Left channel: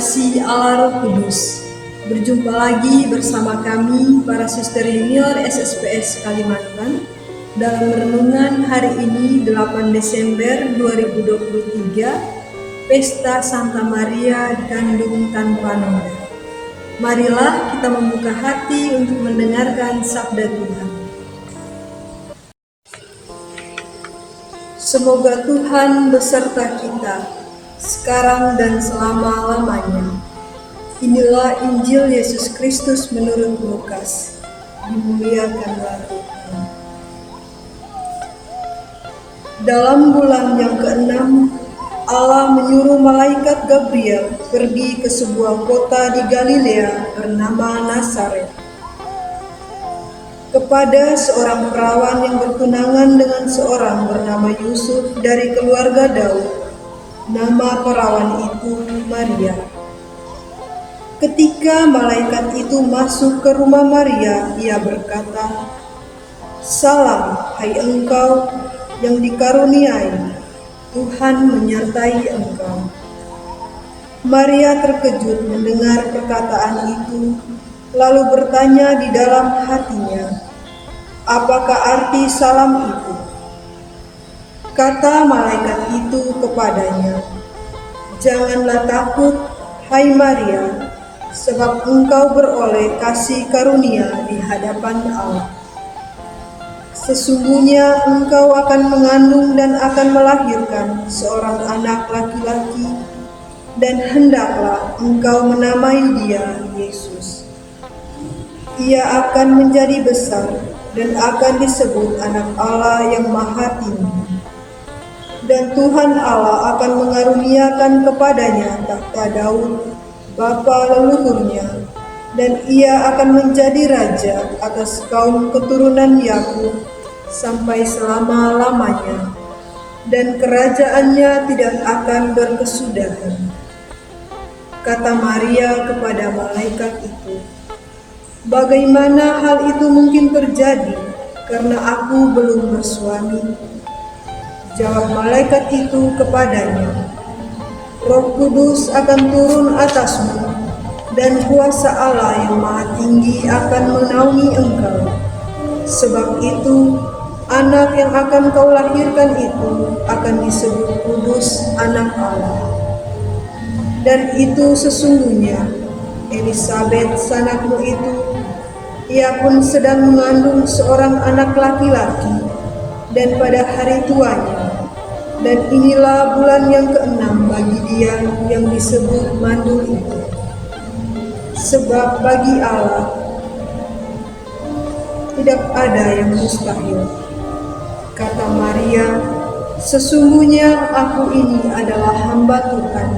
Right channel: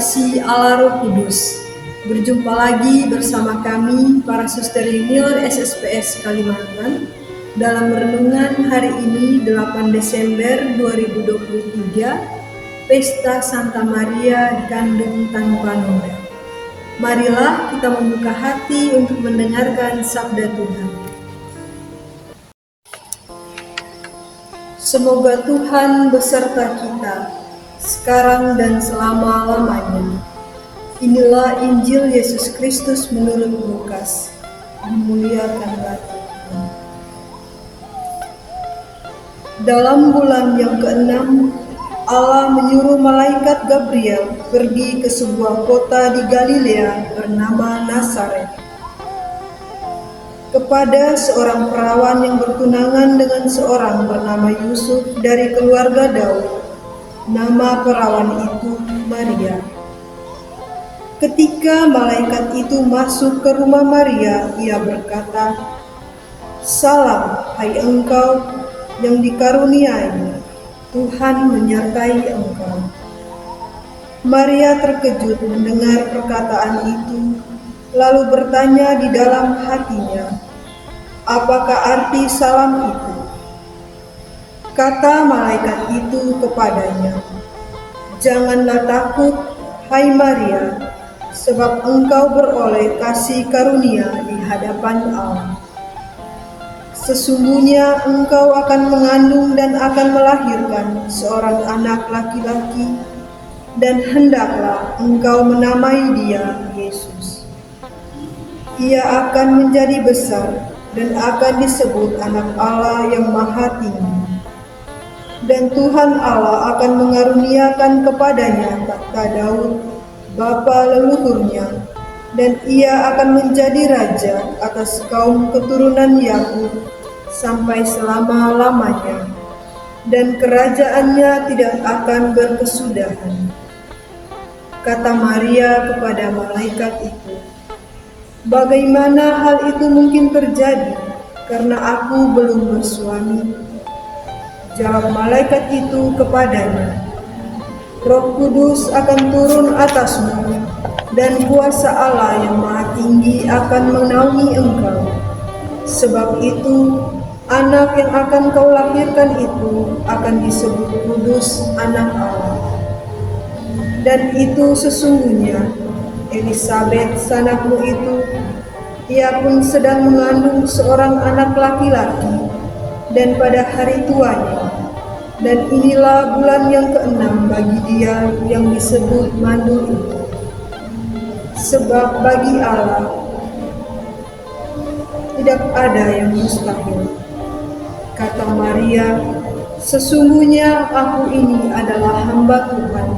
kasih Allah Roh Kudus. Berjumpa lagi bersama kami para Suster Junior SSPS Kalimantan dalam renungan hari ini 8 Desember 2023, Pesta Santa Maria dikandung tanpa noda. Marilah kita membuka hati untuk mendengarkan sabda Tuhan. Semoga Tuhan beserta kita sekarang dan selama-lamanya. Inilah Injil Yesus Kristus menurut Lukas. Dimuliakanlah Tuhan. Dalam bulan yang ke-6, Allah menyuruh malaikat Gabriel pergi ke sebuah kota di Galilea bernama Nazaret, kepada seorang perawan yang bertunangan dengan seorang bernama Yusuf dari keluarga Daud. Nama perawan itu Maria. Ketika malaikat itu masuk ke rumah Maria, ia berkata, "Salam, hai engkau yang dikaruniai, Tuhan menyertai engkau." Maria terkejut mendengar perkataan itu, lalu bertanya di dalam hatinya, "Apakah arti salam itu?" Kata malaikat itu kepadanya, "Janganlah takut, hai Maria, sebab engkau beroleh kasih karunia di hadapan Allah. Sesungguhnya engkau akan mengandung dan akan melahirkan seorang anak laki-laki, dan hendaklah engkau menamai dia Yesus. Ia akan menjadi besar dan akan disebut Anak Allah yang Maha Tinggi. Dan Tuhan Allah akan mengaruniakan kepadanya tahta Daud, bapa leluhurnya, dan ia akan menjadi raja atas kaum keturunan Yakub sampai selama-lamanya, dan kerajaannya tidak akan berkesudahan." Kata Maria kepada malaikat itu, "Bagaimana hal itu mungkin terjadi, karena aku belum bersuami?" Jawab malaikat itu kepadanya, "Roh Kudus akan turun atasmu, dan kuasa Allah yang Maha Tinggi akan menaungi engkau. Sebab itu, anak yang akan kau lahirkan itu akan disebut Kudus, Anak Allah. Dan itu sesungguhnya Elisabet sanakmu itu, ia pun sedang mengandung seorang anak laki-laki, dan pada hari tuanya, dan inilah bulan yang ke-6 bagi dia yang disebut mandu itu. Sebab bagi Allah tidak ada yang mustahil." Kata Maria, "Sesungguhnya aku ini adalah hamba Tuhan.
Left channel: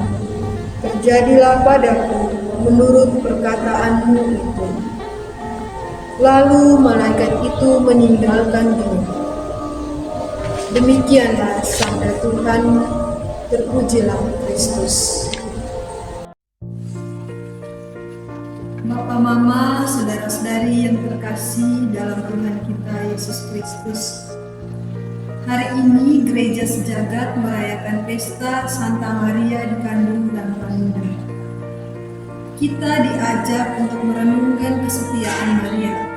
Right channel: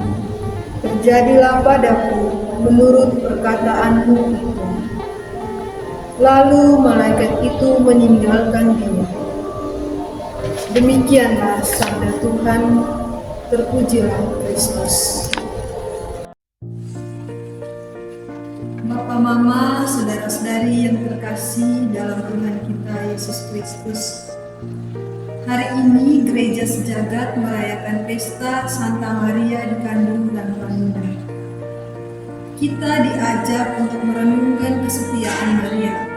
Terjadilah padaku menurut perkataanmu itu." Lalu malaikat itu meninggalkan dia. Demikianlah sabda Tuhan. Terpujilah Kristus. Bapak, Mama, saudara-saudari yang terkasih dalam Tuhan kita Yesus Kristus, hari ini Gereja Sejagat merayakan Pesta Santa Maria dikandung tanpa noda. Kita diajak untuk merenungkan kesetiaan Maria.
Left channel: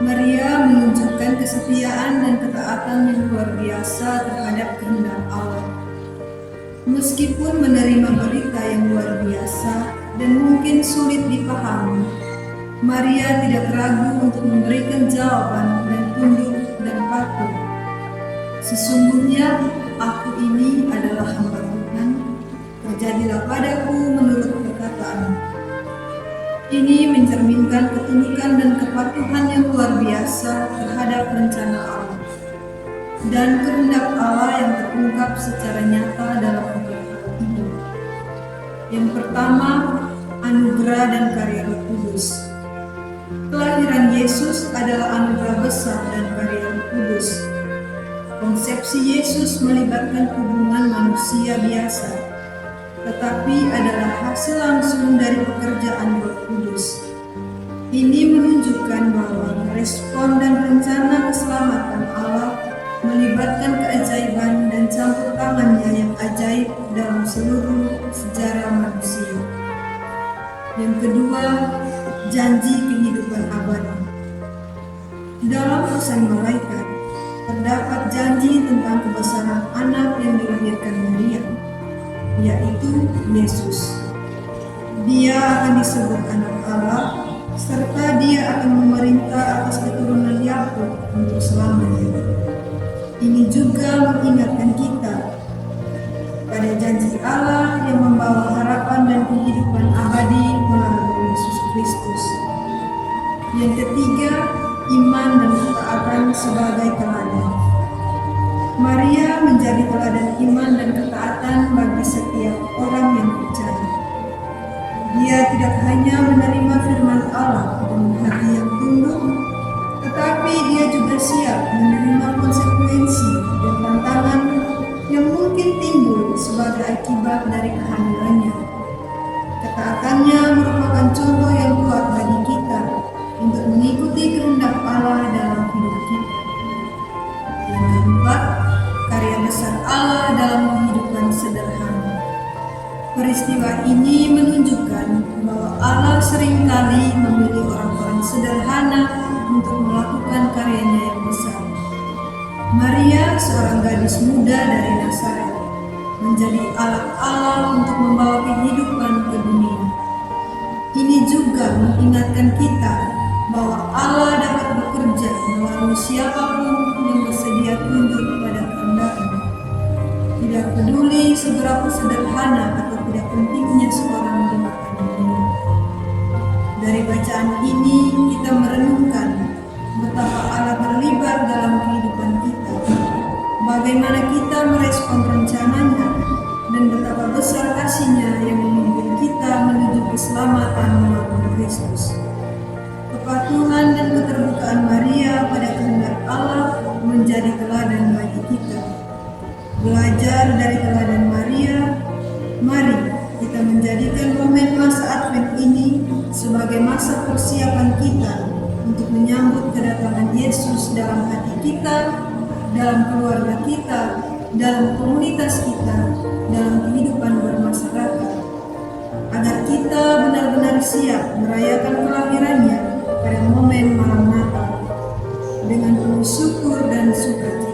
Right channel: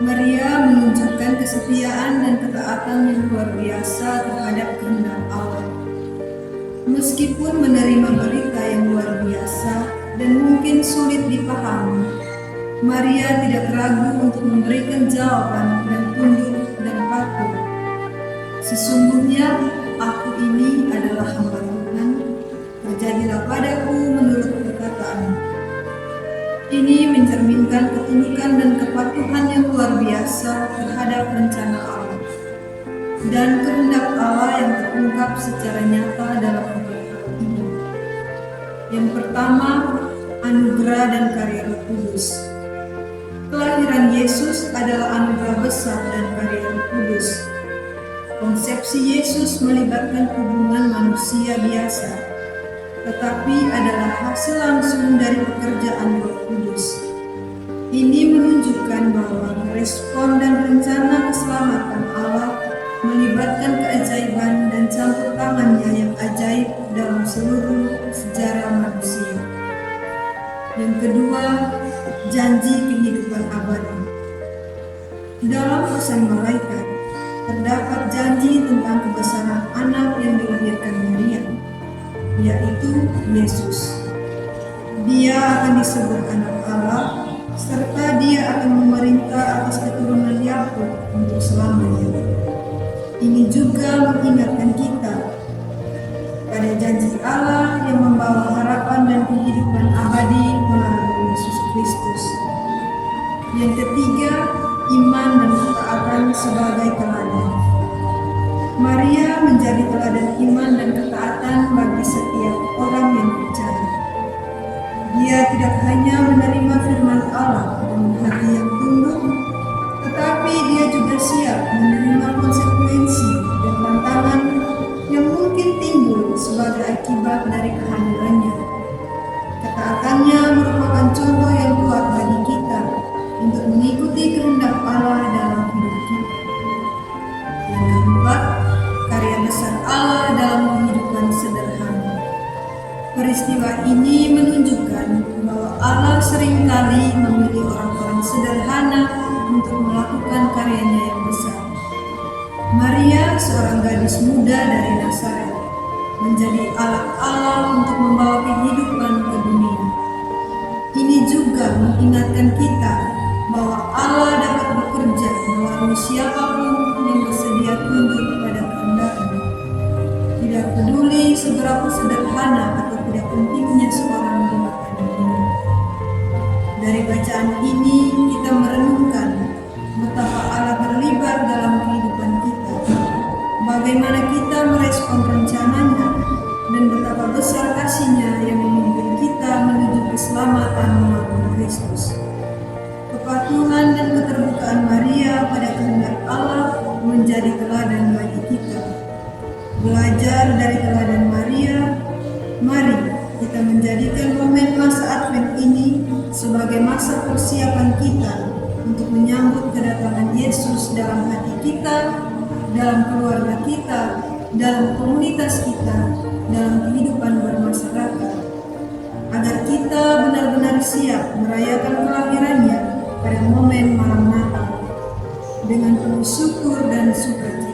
Maria menunjukkan kesetiaan dan ketaatan yang luar biasa terhadap kehendak Allah. Meskipun menerima berita yang luar biasa dan mungkin sulit dipahami, Maria tidak ragu untuk memberikan jawaban dan tunduk dan patuh. "Sesungguhnya aku ini adalah hamba Tuhan, terjadilah padaku menurut perkataanmu." Ini mencerminkan ketundukan dan kepatuhan yang luar biasa terhadap rencana Allah dan kehendak Allah yang terungkap secara nyata dalam 4 hal ini. Yang pertama, anugerah dan karya Roh Kudus. Kelahiran Yesus adalah anugerah besar dan karya Roh Kudus. Konsepsi Yesus melibatkan hubungan manusia biasa, tetapi adalah hasil langsung dari pekerjaan Roh Kudus. Ini menunjukkan bahwa respon dan rencana keselamatan Allah melibatkan keajaiban dan campur tangannya yang ajaib dalam seluruh sejarah manusia. Yang kedua, janji kehidupan abadi. Dalam pesan malaikat, terdapat janji tentang kebesaran anak yang dilahirkan Maria, yaitu Yesus. Dia akan disebut anak Allah, serta dia akan memerintah atas keturunan Yakub untuk selamanya. Ini juga mengingatkan kita pada janji Allah yang membawa harapan dan kehidupan abadi melalui Yesus Kristus. Yang ketiga, iman dan ketaatan sebagai teladan. Maria menjadi teladan iman dan ketaatan bagi setiap orang yang percaya. Dia tidak hanya menerima firman Allah dengan hati yang tunduk, tetapi dia juga siap menerima konsekuensi dan tantangan yang mungkin timbul sebagai akibat dari kehamilannya. Ketaatannya merupakan contoh yang kuat bagi kita untuk mengikuti kehendak Allah dalam hidup kita. Yang keempat, karya besar Allah dalam kehidupan sederhana. Peristiwa ini menunjukkan bahwa Allah seringkali memilih orang-orang sederhana untuk melakukan karyanya yang besar. Maria, seorang gadis muda dari Nazaret, menjadi alat Allah untuk membawa kehidupan ke dunia. Ini juga mengingatkan kita bahwa Allah dapat bekerja melalui siapapun yang bersedia tunduk pada kehendak-Nya. Tidak peduli seberapa sederhana atau tidak pentingnya seorang di mata dunia. Dari bacaan ini kita merenungkan betapa Allah terlibat dalam kehidupan kita, bagaimana kita merespon rencananya, dan betapa besar kasih-Nya yang memimpin kita menuju keselamatan melalui Kristus. Kepatuhan dan keterbukaan Maria pada kehendak Allah menjadi teladan bagi kita. Belajar dari teladan Maria, mari kita menjadikan momen masa Advent ini sebagai masa persiapan kita untuk menyambut kedatangan Yesus dalam hati kita, dalam keluarga kita, dalam komunitas kita, dalam kehidupan bermasyarakat, agar kita benar-benar siap merayakan kelahirannya pada momen malam Natal dengan penuh syukur dan sukacita.